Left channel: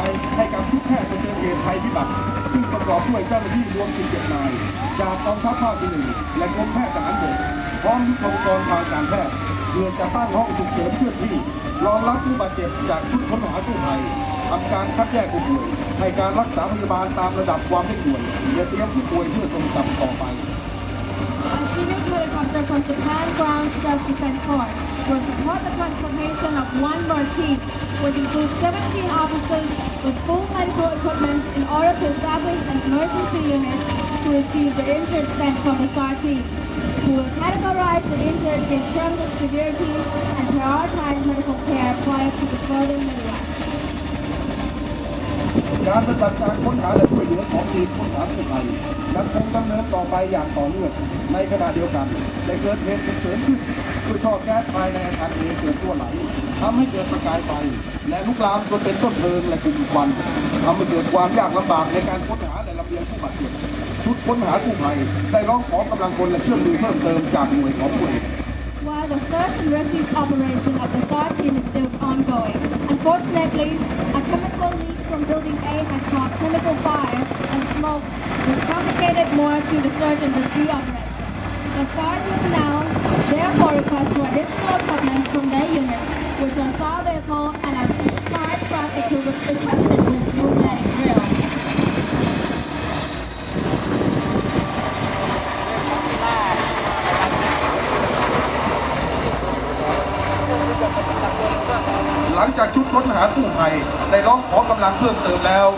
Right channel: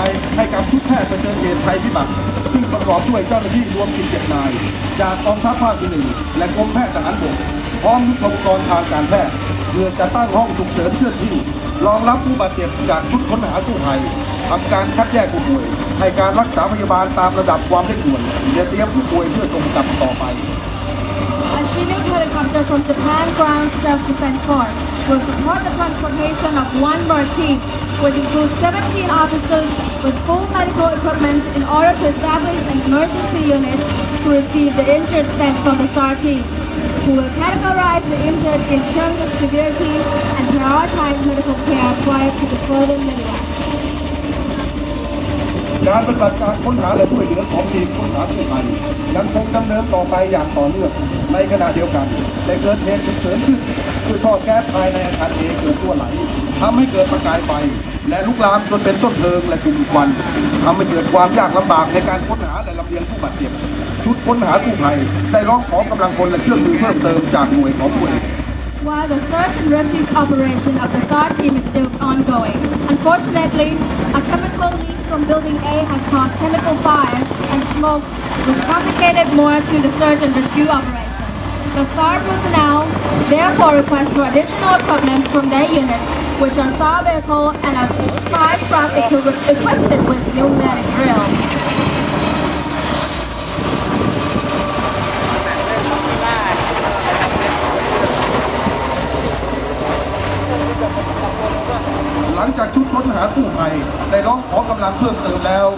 ายให้กับทุกแพทย์เผชิญเหตุภัยพิบัติซึ่งประกอบด้วยเจ้าหน้าที่รวม17นาย จากกองทัพภาคที่หนึ่งและกรมแพทย์ทหารบกพร้อมทุทธปกรณ์ทางการแพทย์เพื่อจะตั้งห้องฉุกเฉินเคลื่อที่รองรับผู้บาดเจ็บจากชุดค้นหากู้ภัยทำการคัดแยกผู้ป่วยในการรักษาพยาบาลตามระดับความเร่งด่วนและเตรียมผู้ป่วยเพื่อส่งกับต่อไป Achieving helicopter from will support the transportation of one more team, which includes 17 officers with full medical equipment in order to establish an emergency unit to receive the injured sent from the SRT, who will categorize the injured in terms of severity and prioritize medical care prior to the further medical การปฏิบัติการค้นหาและช่วยเหลือของทีมค้นหากู้ภัยยังคงดำเนินต่อไปอย่างต่อเนื่องในขณะเดียวกันได้เกิดเหตุฉุกเฉินขึ้นคือท่อแก๊สภายในอาคารเอเกิดรั่วไหลทำให้เกิดประกายไฟ และลุกลามจนเป็นต้นเพลิงและกลุ่มควันทำให้เกิดความยากลำบากในการค้นหาและลำเลียงผู้บาดเจ็บชุดค้นหากู้ภัยได้ร้องขอกำลังคนและเครื่องมือเพิ่มเติมจากหน่วยของผู้เอก While the search and rescue operation of the SAR team is still ongoing, unfortunately, a chemical leak from Building A has caused chemical fire and smoke, which complicated more to the search and rescue operation. The SAR personnel therefore request for additional equipment from their units, which are SAR vehicle and a fire truck equipped with pneumatic drill. หลังจากชุดค้นหากู้ภัยได้ร้องขอกำลังเพิ่มเติมแล้ว